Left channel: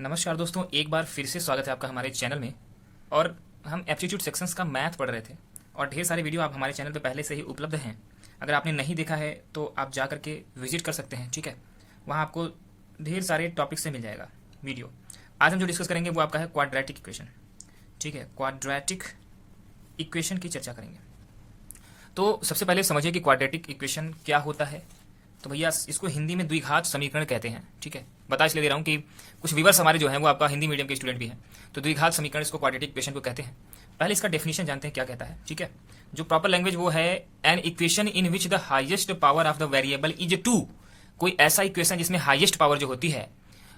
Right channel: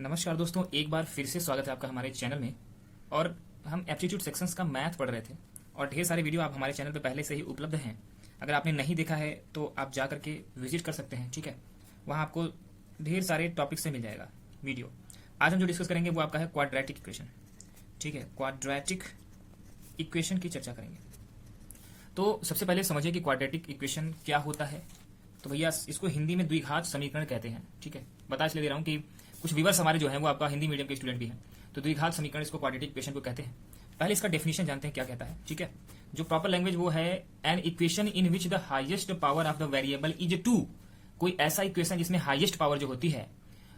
नमस्कार दोस्तों, एक बार फिर से स्वागत है आपका हमारे चैनल में। और हम एप्टीट्यूड सेक्शंस का मैथ पढ़ रहे थे और ढेर सारे वीडियो आप हमारे चैनल पे पहले से ही उपलब्ध हैं। अगर आपने नहीं देखा है तो आप जा करके विजिट कर सकते हैं, ठीक है। वहाँ आपको ढेर सारे टॉपिक से मिल जाएगा वीडियो। आज हम जो डिस्कस करेंगे वो आपका है क्वाड्रेटिक इक्वेशन, ठीक है। क्वाड्रेटिक इक्वेशन की चर्चा करेंगे। तो सबसे पहले समझिए कि क्वाड्रेटिक इक्वेशन क्या होता है। तो भैया इसको हिंदी में द्विघात समीकरण कहते हैं, ठीक है। बता इसलिए दे रहा हूँ कि कुछ व्यूअर्स हमारे जो हैं वो आपका हिंदी मीडियम के स्टूडेंट भी हैं, तो द्विघात समीकरण इसको क्वाड्रेटिक इक्वेशन को कहते हैं। पहले इसका डेफिनेशन जानते हैं क्या कहता है, ठीक है। जो प्रॉपर लैंग्वेज वो है an equation in which the highest power of the variable is 2। कोई ऐसा इक्वेशन जिसमें हाईएस्ट पावर जो होती है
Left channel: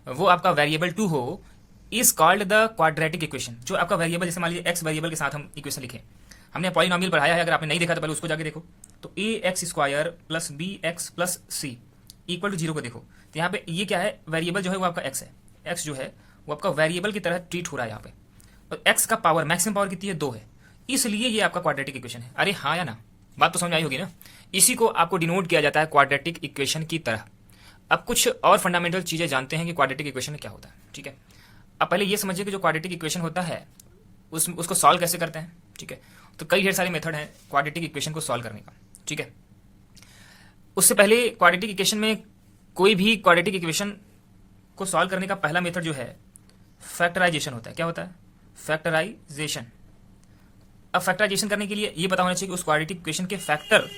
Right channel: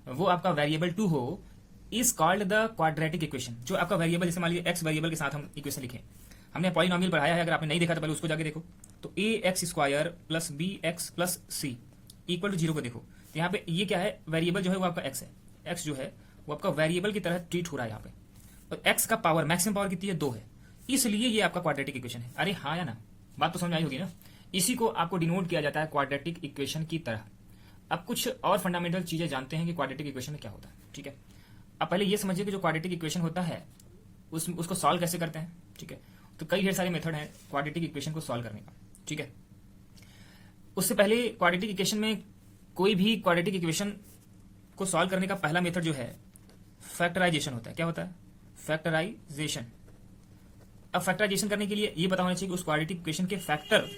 वो आपका वेरिएबल 2 हो, is called the quadratic equation. जो आपका वेरिएबल, जैसे मान लीजिए एक्स वेरिएबल के साथ हम इक्वेशन लिखें, हमने पॉलिनोमियल पढ़ाया है, अगर आपने नहीं देखा तो पहले उसको जाके देखो। तो A X square plus B X plus C equal to 0 को देखो। तो यहाँ पे ये क्या है, वेरिएबल जो है वो आपका एक्स है। एक्स जो है वो आपका वेरिएबल की तरह ट्रीट हो रहा है यहाँ पे। और एक्स का पावर, मैक्सिमम पावर कितनी है, 2 है, इसलिए ये आपका क्वाड्रेटिक इक्वेशन है। अरे हाँ या ना, बात तो समझ आई होगी ना। इसी को आपको डिनोट किया जाता है क्वाड्रेटिक इक्वेशन की तरह। अब कुछ और फंडामेंटल चीजें जानते हैं कि क्वाड्रेटिक इक्वेशन क्या होता है, ठीक है। अब पहले ये समझिए कि जो क्वाड्रेटिक इक्वेशन होता है उसको सॉल्व कैसे करते हैं, ठीक है। तो कई ढेर सारे मेथड हैं क्वाड्रेटिक इक्वेशन को सॉल्व करने का, ठीक है। उससे पहले क्वाड्रेटिक इक्वेशन में, कोई भी क्वाड्रेटिक इक्वेशन को सॉल्व करने का पहला मेथड जो है फैक्टराइजेशन होता है। क्या होता है? फैक्टराइजेशन। अब फैक्टराइजेशन करने के लिए ये पता होना चाहिए कि उस क्वाड्रेटिक इक्वेशन के फैक्टर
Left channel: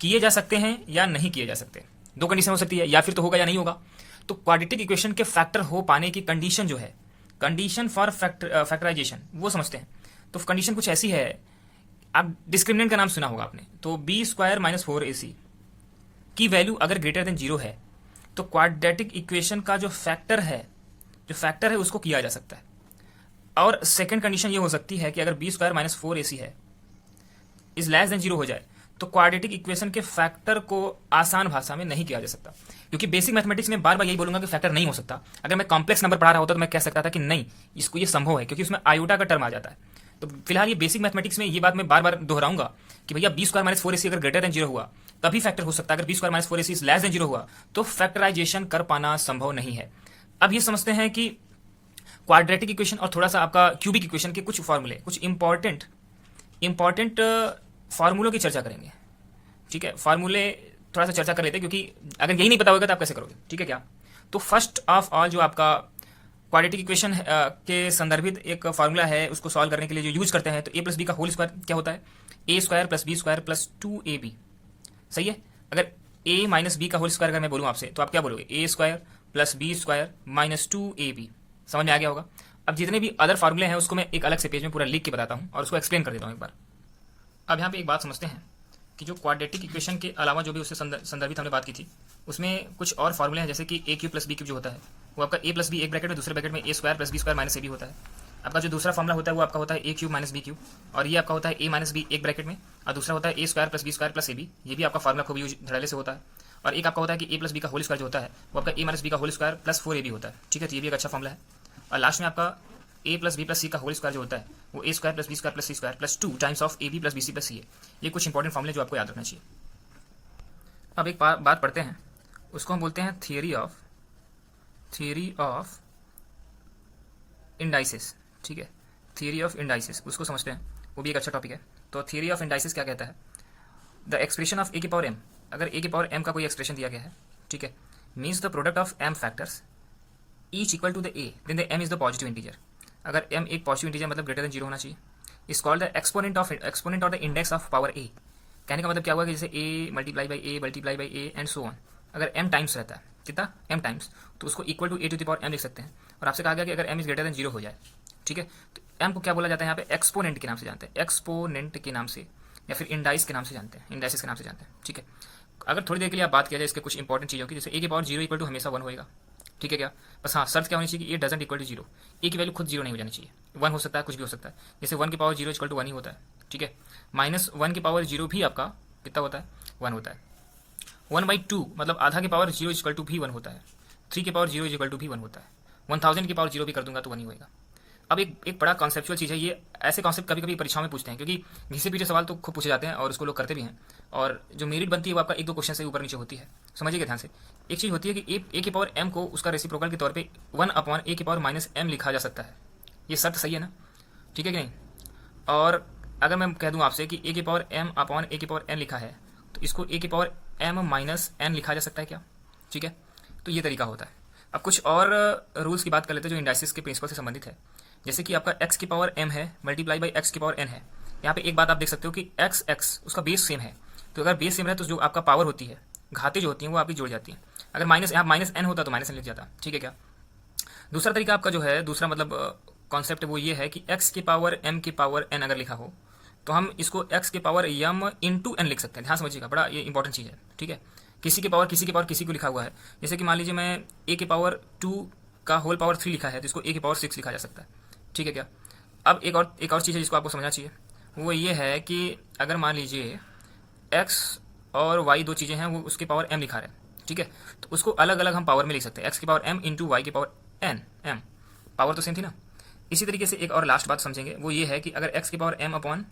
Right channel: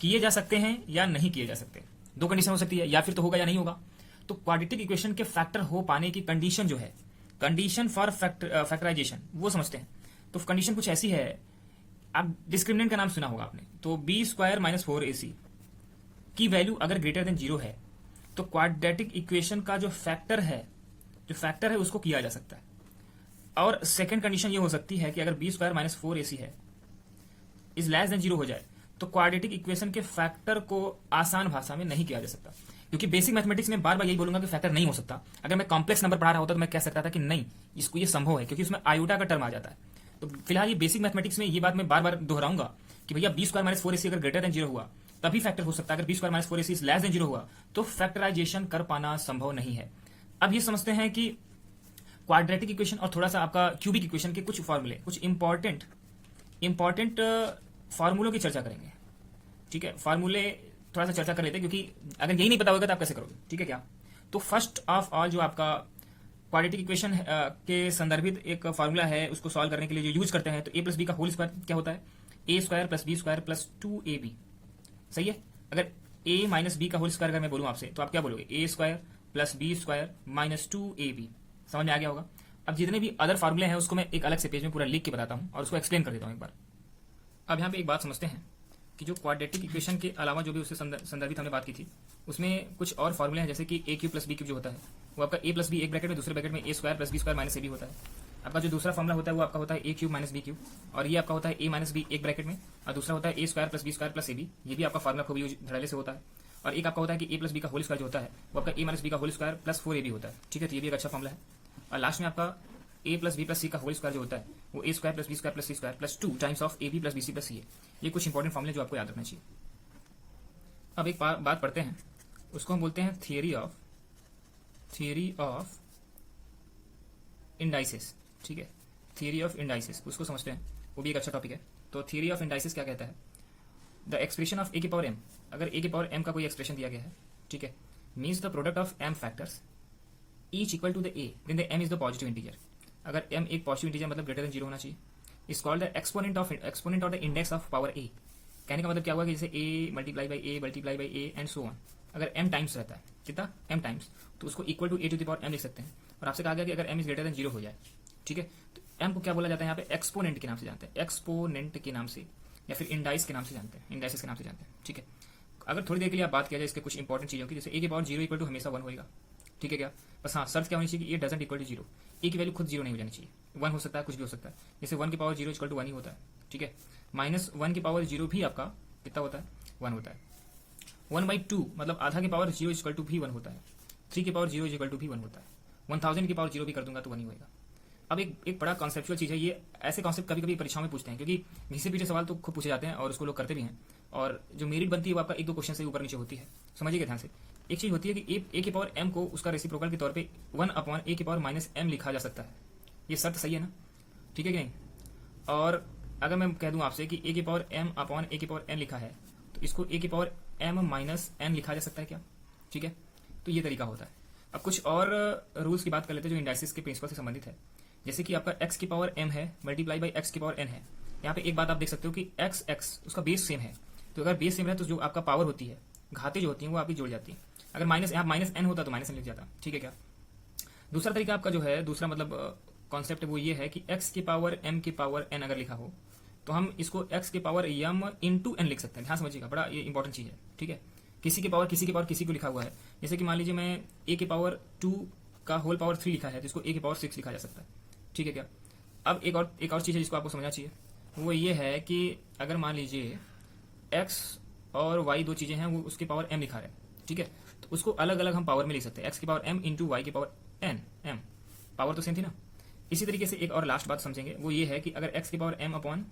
किए जा सकते हैं या नहीं किए जा सकते। दो कंडीशन हो सकती है, या फिर तो होगा या नहीं होगा। तो क्वाड्रेटिक इक्वेशन के फैक्टर हो पाने की कंडीशन जो है, कंडीशन फॉर फैक्टराइजेशन, वो समझते हैं। तो कंडीशन कुछ ऐसी है, आप डिस्क्रिमिनेंट का नाम सुना होगा आपने। तो बी स्क्वायर माइनस 4ac की वैल्यू अगर ग्रेटर देन 0 है तो क्वाड्रेटिक इक्वेशन का जो फैक्टर है उसको किया जा सकता है। और सेकंड कंडीशन ये हो सकती है कि अगर बी स्क्वायर माइनस 4ac है इज लेस देन 0 हो जाए तो क्वाड्रेटिक इक्वेशन के फैक्टर को आसान भाषा में नहीं किया जा सकता। क्योंकि बेसिक मैथमेटिक्स में बार बार यही बोलूंगा कि फैक्टर नहीं हो सकता। अगर मैं कॉम्प्लेक्स नंबर पढ़ा रहा होता तो मैं कह सकता था कि नहीं, इसको ये संभव है, क्योंकि उसमें आयोटा का टर्म आ जाता है। तो फिलहाल ये बेसिक मैथमेटिक्स में ये बात मैं बार बार दोहराऊंगा कि भैया बी स्क्वायर माइनस 4ac अगर ग्रेटर देन 0 हुआ तभी फैक्टर हो सकता है। अगर b square minus 4ac is less than 0 हुआ तो फैक्टराइजेशन कर पाना संभव नहीं है। अब ये समझते हैं कि क्वाड्रेटिक इक्वेशन और थोड़ा सा आपका क्यूबिक इक्वेशन के कुछ फॉर्मूले, कुछ इंपॉर्टेंट फार्मूलों की चर्चा करेंगे, ठीक है। फार्मूले थोड़ा सा चर्चा कर लेते हैं, क्योंकि अगर यही नहीं पता होगा तो आप कैसे करोगे, ठीक है क्या। तो फर्स्ट ऑफ ऑल जो आपका क्वाड्रेटिक इक्वेशन के संदर्भित एक फार्मूला है, उसको सॉल्व करने के लिए जो यूज करते हैं, तो ए प्लस बी का होल स्क्वायर क्या होता है, A square plus B square plus 2ab। सही है। अगर a माइनस बी का होल स्क्वायर अगर मैं बोलूँ आपसे तो आप क्या बोलोगे, A square plus B square minus 2ab। समझ में आ गया होगा। अब जितने भी अदर फार्मूले हैं उसको मैं एक अलग से पेज में पूरा लिख के बताता हूँ और उसको एक्सप्लेन कर देता हूँ एक बार। अब यहाँ पे एक बात समझते हैं कि जो क्वाड्रेटिक इक्वेशन के अलावा जो भी उससे संदर्भित हमने बात की थी उसमें कुछ और फार्मूले हैं, जैसे कि A cube plus B cube जो होता है वो आपका ए प्लस बी एक ब्रैकेट में, दूसरे ब्रैकेट में A square plus B square minus A B होता है। आपका जो दूसरा फार्मूला होता है वो आपका होता है A cube minus B cube, और ये आपका होता है ए माइनस बी एक ब्रैकेट में, और दूसरा होता है A square plus B square plus A B. ये भी आपका फार्मूला खूब यूज धड़ल्ले से होता है। और एक आपका होता है कि ए प्लस बी का होल स्क्वायर जो होता है वो आपका ए माइनस बी का होल स्क्वायर प्लस 4ab होता है, ठीक है। तो ये भी एक अच्छा फार्मूला है। और लास्ट में आपका A plus B plus C का होल स्क्वायर जो होता है वो A square plus B square plus C square plus 2 times of A B plus B C plus C है। ये कुछ इंपॉर्टेंट फार्मूले जो आपको याद रखना चाहिए। अब एक बात पढ़ते हैं, उसको हम बोलते हैं थियरी ऑफ इंडाइसिस, ठीक है। थियरी ऑफ इंडाइसिस, उसको समझते हैं, वो भी एक अच्छा टॉपिक है। तो थियरी ऑफ इंडाइसिस क्या कहता है, द एक्सप्रेशन ऑफ ए की पावर m, अगर ए की पावर m का कोई एक्सप्रेशन दिया गया है, ठीक है, means the product of m factors each equal to the a, then the m is the positive integer. अगर m एक पॉजिटिव इंटीजर मतलब ग्रेटर देन 0 होना चाहिए, is called the exponent of the index of power a। कहने का मतलब क्या हुआ कि जैसे a multiply by a and so on. अगर m टाइम्स रहता है, कितना, m टाइम्स, तो उसको equal to a to the power m लिख सकते हैं। और आपसे कहा गया कि अगर m इज ग्रेटर देन 0 हो जाए, ठीक है, तो m को क्या बोला जाता है यहाँ पे, एक्सपोनेंट के नाम से जानते हैं, एक्सपोनेंट के नाम से, या फिर इंडाइस के नाम से जानते हैं, इंडाइसिस के नाम से जानते हैं, ठीक है। अगर थोड़ी देर के लिए आप बात किया जाए इसके कुछ इंपॉर्टेंट चीज़ों की, जैसे a की पावर 0 इक्वल टू हमेशा 1 होएगा, ठीक है क्या। बस हाँ, शर्त क्या होनी चाहिए कि ये डजंट इक्वल टू 0, ए की वैल्यू खुद 0 नहीं हो जानी चाहिए, 1 हो सकता है, कुछ भी हो सकता है। जैसे 1 की पावर 0 इक्वल टू 1 ही होता है, ठीक है। माइनस 1 की पावर 0 भी आपका कितना होता है, 1 होता है। 1/2 मतलब आधा की पावर 0 इक्वल टू भी 1 होता है। 3 की पावर 0 इक्वल टू भी 1 होता है। 1000 की पावर 0 भी कर दूंगा तो 1 ही होगा। अब एक बड़ा कॉन्सेप्चुअल चीज़ है ये, ऐसे कॉन्सेप्ट कभी कभी परीक्षाओं में पूछते हैं, क्योंकि घिसे पीछे सवाल तो खूब पूछे जाते हैं और उसको लोग करते भी हैं, और जो मेरिट बनती है वो आपका एक दो क्वेश्चन से ऊपर नीचे होती है। समझिएगा ध्यान से। एक चीज़ होती है कि ए की पावर एम को उसका रेसिप्रोकल के तौर पे 1/a की पावर माइनस एम लिखा जा सकता है। ये शर्त सही है ना? ठीक है कि नहीं? और अगर मैं कह दूं आपसे कि ए की पावर एम अपॉन ए की पावर एन लिखा है, तो इसको ए की पावर एम माइनस एन लिखा जा सकता है क्या? ठीक है, तो ये तरीका होता है। अब कुछ और रूल्स की बात कर लेते हैं जो इंडाइसिस के प्रिंसिपल से संबंधित है। जैसे कि आपका एक्स की पावर एम है मल्टीप्लाई बाई एक्स की पावर एन है। यहाँ पे एक बात आप देख सकते हो कि एक्स एक्स उसका बेस सेम है, तो अगर बेस सेम है तो जो आपका पावर होती है, घातें जो होती हैं वो आपकी जुड़ जाती हैं। अगर माइनस यहाँ माइनस एन होता तो माइनस एन लिख जाता। ठीक है क्या? दूसरा तरीका आपका जो है, दूसरा मतलब कॉन्सेप्ट वो ये है कि एक्स की पावर एम की पावर एन अगर लिखा हो तो हम इसको एक्स की पावर एम इंटू एन लिख सकते हैं। ध्यान समझिएगा, बड़ा ये इंपॉर्टेंट चीज़ है। ठीक है, किसी की पावर किसी की पावर किसी को लिखा हुआ है। जैसे कि मान लीजिए मैं ए की पावर 2 का होल पावर 3 लिखा है, तो इसको ए की पावर 6 लिखा जा सकता है। ठीक है क्या? अब एक और चीज़ है जिसको आपको समझना चाहिए, वो ये है कि अगर मान लीजिए एक्स और वाई दो चीज़ें हैं, वो उसकी पावर एम लिखा रहे हैं। ठीक है, तो उसको अलग अलग हम पावर में लिख सकते हैं, एक्स की पावर एम इंटू वाई की पावर एन। एम पावर तो सेम थी ना। इसी तरीके से एक और लास्ट बात समझेंगे, वो ये है कि अगर एक्स की पावर एम अपॉन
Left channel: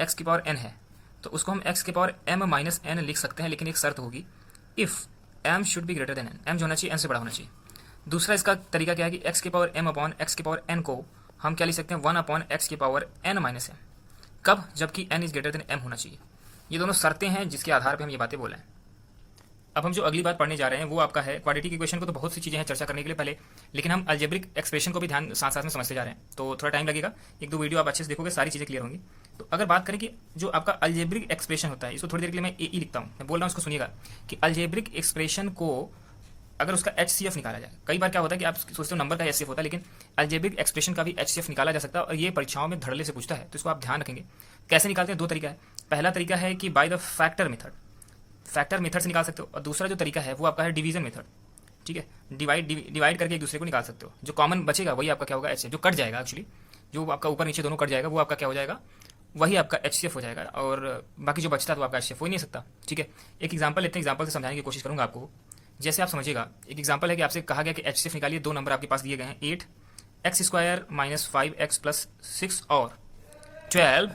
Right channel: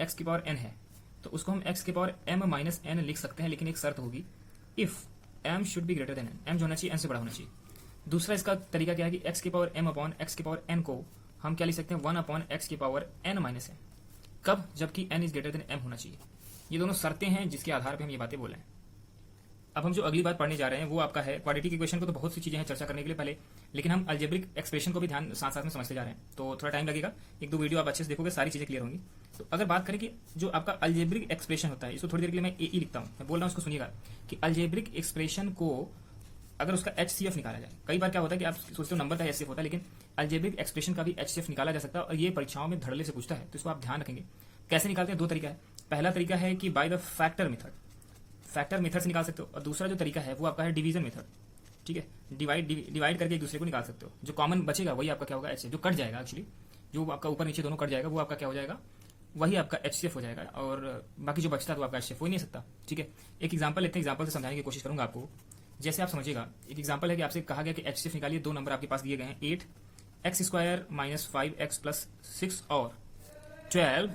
एक्स की पावर एन है, तो उसको हम एक्स की पावर एम माइनस एन लिख सकते हैं, लेकिन एक शर्त होगी, if m should be greater than n. M जो होना चाहिए एन से बड़ा होना चाहिए। दूसरा इसका तरीका क्या है कि एक्स की पावर एम अपॉन एक्स की पावर एन को हम क्या लिख सकते हैं, 1 अपॉन एक्स की पावर एन माइनस एन। कब? जबकि n is greater than m होना चाहिए। ये दोनों शर्तें हैं जिसके आधार पर हम ये बातें बोल रहे हैं। अब हम जो अगली बात पढ़ने जा रहे हैं वो आपका है क्वाड्रेटिक इक्वेशन को। तो बहुत सी चीज़ें हैं चर्चा करने के लिए पहले, लेकिन हम अलजेब्रिक एक्सप्रेशन को भी ध्यान साथ साथ में समझते जा रहे हैं, तो थोड़ा टाइम लगेगा। एक दो वीडियो आप अच्छे से देखोगे, सारी चीज़ें क्लियर होंगी। तो अगर बात करें कि जो आपका अलजेब्रिक एक्सप्रेशन होता है, इसको थोड़ी देर के लिए मैं ए लिखता हूँ, मैं बोल रहा हूँ, उसको सुनिएगा कि अलजेब्रिक एक्सप्रेशन को अगर उसका HCF निकाला जाए, कई बार क्या होता है कि आप सोचते हो नंबर का HCF होता है, लेकिन अलजेब्रिक एक्सप्रेशन का भी HCF निकाला जा सकता है, और ये परीक्षाओं में धड़ल्ले से पूछता है, तो इसको आप ध्यान रखेंगे। कैसे निकालते हैं? दो तरीका है। पहला तरीका है कि by the factor method, factor method से निकाल सकते हो, और दूसरा जो तरीका है वो आपका है डिवीजन मेथड। ठीक है, डिवाइड करके एक दूसरे को निकाल सकते हो। जो कॉमन बचेगा वही आपका क्या होगा, HCF। जो कट जाएगा एक्चुअली, जो आपका ऊपर नीचे दोनों कट जाएगा, वो आपका क्या हो जाएगा, वही आपका HCF हो जाएगा, और बाकी जो बचता है वो आपका HCF हो ही नहीं सकता। ठीक है, एक एग्जाम्पल लेते हैं, एग्जाम्पल से समझाने की कोशिश करूंगा आपको। जैसे आप समझिएगा, एक एग्जाम्पल है कि आपसे कहा गया कि HCF निकालिए, दो नंबर आपके पास दिए गए हैं, 8 x square minus 5x plus 6 और 12।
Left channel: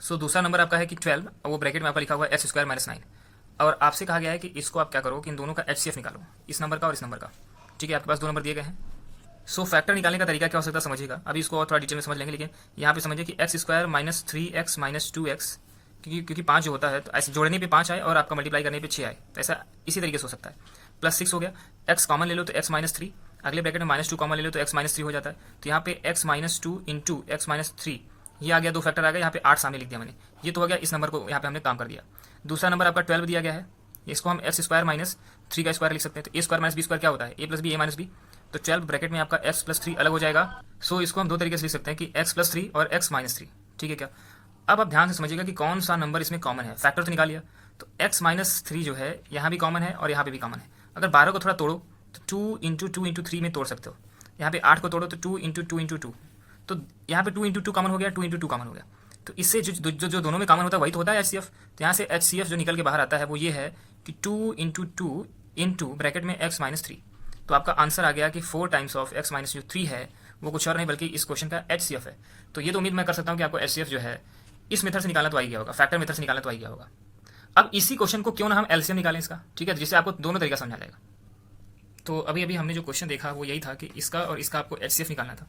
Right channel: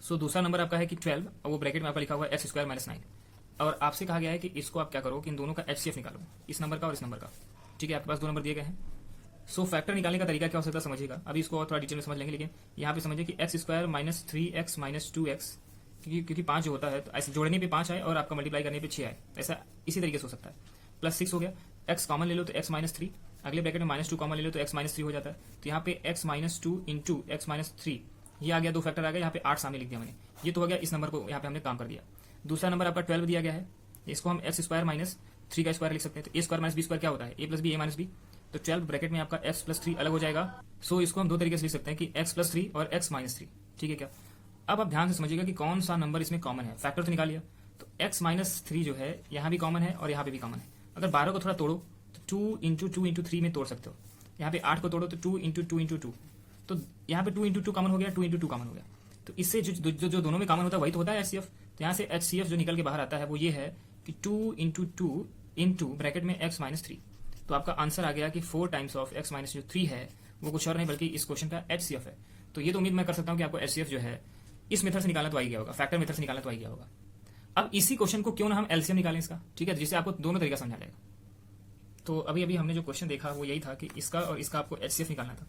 सो दूसरा नंबर आपका है कि 12, और वो ब्रैकेट में आपका लिखा हुआ है एक्स स्क्वायर माइनस 9, और आपसे कहा गया है कि इसको आप क्या करो कि इन दोनों का HCF निकालो, इस नंबर का और इस नंबर का। ठीक है, आपके पास दो नंबर दिए गए हैं। सो फैक्टर निकालने का तरीका क्या हो सकता है समझिएगा, अभी इसको और थोड़ा डिटेल में समझ लेंगे, लेकिन यहाँ पे समझिए कि x square minus 3x minus 2x, क्योंकि 5 जो होता है तो ऐसे जोड़ने पे 5 आए और आपका मल्टीप्लाई करने पे 6 आए, ऐसा इसी तरीके से हो सकता है। प्लस 6 हो गया, x कॉमन ले लो तो x माइनस 3, अगले ब्रैकेट में -2 कॉमन ले लो तो x माइनस 3 हो जाता है। तो यहाँ पे x minus 2 into x minus 3, ये आ गया, दो फैक्टर आ गया, यहाँ पे 8 सामने लिख दिया मैंने, ये तो हो गया, इस नंबर को यहाँ पे हमने काम कर दिया। दूसरा नंबर आपका 12 दिया गया है, इसको हम एक्स स्क्वायर माइनस 3 का स्क्वायर लिख सकते हैं, तो ए स्क्वायर माइनस बी स्क्वायर क्या होता है, ए प्लस बी ए माइनस बी, तो 12 ब्रैकेट में आपका एक्स प्लस 3 अलग हो जाएगा। सो इसको हम दो तरीके से लिख सकते हैं कि एक्स प्लस 3 और एक्स माइनस 3। ठीक है क्या? अब आप ध्यान से समझिएगा कि कौन सा नंबर इसमें कॉमन है। फैक्टर तो निकाल लिया, तो एक्स माइनस 3 जो है यहाँ भी कॉमन है और यहाँ पे भी कॉमन है। अगर 12 को थोड़ा तोड़ो तो 2 इंटू 2 इंटू 3 में तोड़ सकते हो। यहाँ पे 8 को तोड़ो तो 2 इंटू 2 इंटू 2, तो यहाँ पे 2 इंटू 2 कॉमन हो गया, 2 इंटू 2 कॉमन हो गया। तो इससे जो दोनों में कॉमन होता है वही तो होता है HCF। तो यहाँ से HCF जो निकल के बाहर आता है वो ये है कि 2 इंटू 2 इंटू ब्रैकेट में एक्स माइनस 3। तो आपका आंसर आ गया कि 4 टाइम्स ऑफ एक्स माइनस जो 3 है वो कुछ और नहीं बल्कि इस क्वेश्चन का HCF है। तो ये तो उम्मीद मैं कर सकता हूँ कि आपको HCF जो है इस मेथड से निकालना तो आ ही गया होगा, फैक्टर मेथड से निकालना तो आ ही गया होगा। अब इसी क्वेश्चन को क्यों ना हम LCM निकालें इसका, ठीक है, जिससे आपको दोनों तरीका समझा जाएगा। तो अभी हमने जो क्वेश्चन देखा वो यही था कि इसका और इसका आपको HCF निकालना था।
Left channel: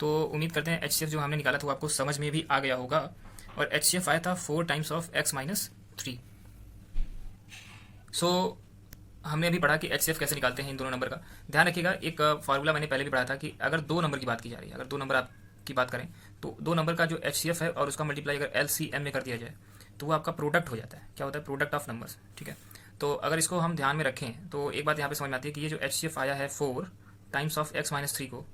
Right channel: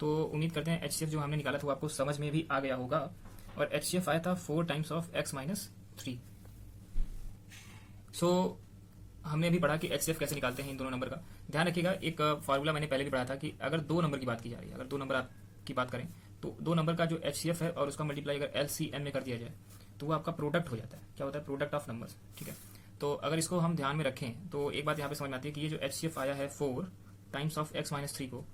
तो उम्मीद करते हैं HCF जो हमने निकाला था वो आपको समझ में भी आ गया होगा, और HCF आया था 4 टाइम्स ऑफ एक्स माइनस 3। सो हमने अभी पढ़ा कि HCF कैसे निकालते हैं इन दोनों नंबर का। ध्यान रखिएगा, एक फार्मूला मैंने पहले भी पढ़ा था कि अगर दो नंबर की बात की जा रही है, अगर दो नंबर आप की बात करें तो दो नंबर का जो HCF है और उसका मल्टीप्लाई अगर LCM में कर दिया जाए तो वो आपका प्रोडक्ट हो जाता है। क्या होता है? Product of numbers. ठीक है, तो अगर इसको हम ध्यान में रखें तो एक बात यहाँ पे समझ में आती है कि ये जो HCF आया है 4 टाइम्स ऑफ एक्स माइनस 3 को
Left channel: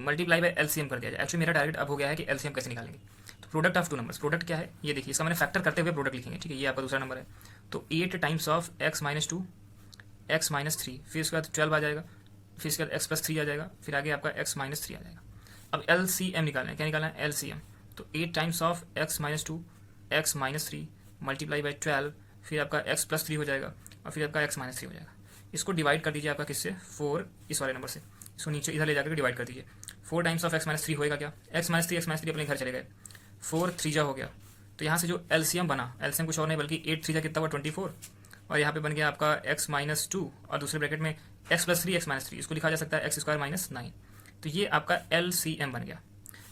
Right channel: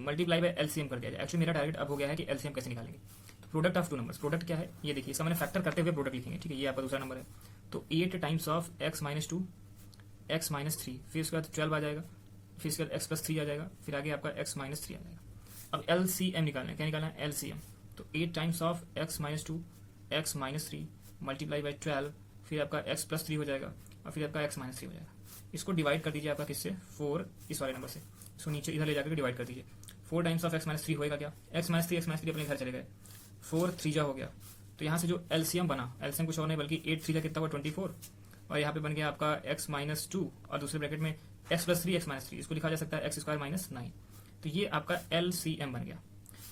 मल्टीप्लाई बाय LCM कर दिया जाए। एक्चुअली मेरा टारगेट अब हो गया है कि LCM कैसे निकालेंगे। तो product of two numbers, product क्या है ये देखिए, इसका मैंने फैक्टर करते हुए प्रोडक्ट लिखेंगे। ठीक है, ये आपका दूसरा नंबर है, तो 8 times of x minus 2 x minus 3, फिर उसके बाद 12 आ जाएगा, फिर इसके बाद एक्स प्लस 3 आ जाएगा, फिर आगे आपका एक्स माइनस 3 आ जाएगा। अब LCM निकालना है, क्या निकालना है? LCM। तो 8 times of x minus 2 x minus 3 multiply by 12, फिर आपका एक्स प्लस 3 हो जाएगा, और फिर आपका एक्स माइनस 3 हो जाएगा। इसको डिवाइड कर दीजिए आपका किससे? 4 इस वाले नंबर से, इसको नीचे इधर ले जाकर डिवाइड कर दीजिए। 4 टाइम्स ऑफ x माइनस 3 होएगा क्या, x माइनस थ्री अपने घर चले गए, 4 3 जा हो गया। तो यहाँ से जो एलसीएम बना, एलसीएम कुछ और नहीं बल्कि 8 3 जा कितना हुआ 24, और यहाँ पे बन गया आपका x माइनस 2 और दूसरे ब्रैकेट में x प्लस 3 x माइनस 3, इसको लिखा जा सकता है x स्क्वायर माइनस 9। तो ये आपका एलसीएम बन गया।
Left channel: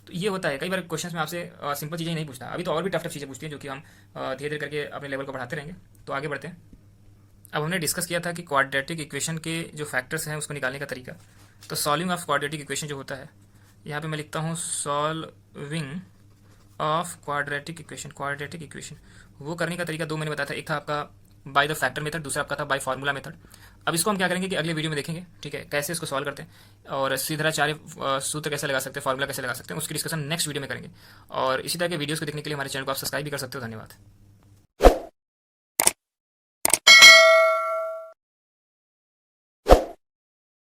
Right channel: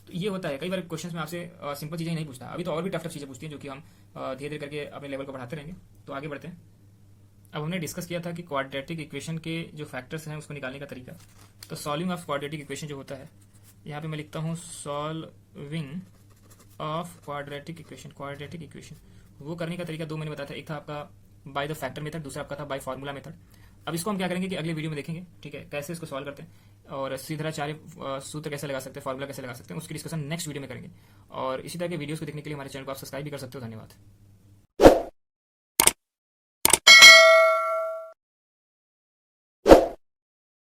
तो ये होता है कई बार क्वेश्चन में आपसे सिंपल चीज़ें नहीं पूछता, अभी तो और भी टफ चीज़ें पूछती हैं जो कि हम धीरे धीरे करके अपने लेवल को बढ़ाते रहेंगे। तो आगे बढ़ते हैं। अब हमने डिस्कस किया था कि क्वाड्रेटिक इक्वेशन के जो फैक्टर्स हैं उसको निकालने का तरीका। तो सॉल्विंग ऑफ क्वाड्रेटिक इक्वेशन जो होता है, यहाँ पे मैं लिखता हूँ सॉल्विंग ऑफ क्वाड्रेटिक इक्वेशन वो करने का तरीका दो मैंने बताया था। एक था आपका बाय द फैक्टर मेथड, दूसरा आपका था बाय फार्मूला मेथड। अब इसको हम क्या करेंगे कि अगले वीडियो में देखेंगे, ठीक है, कैसे इसको सॉल्व करते हैं और सीधाचार्य सूत्र कैसे लगा सकते हैं, फार्मूला कैसे लगा सकते हैं, उसकी डिस्कशन नेक्स्ट वीडियो में करेंगे। और इसी तरह के वीडियोस को देखने के लिए हमारे चैनल को आप सब्सक्राइब भी कर सकते हो। धन्यवाद।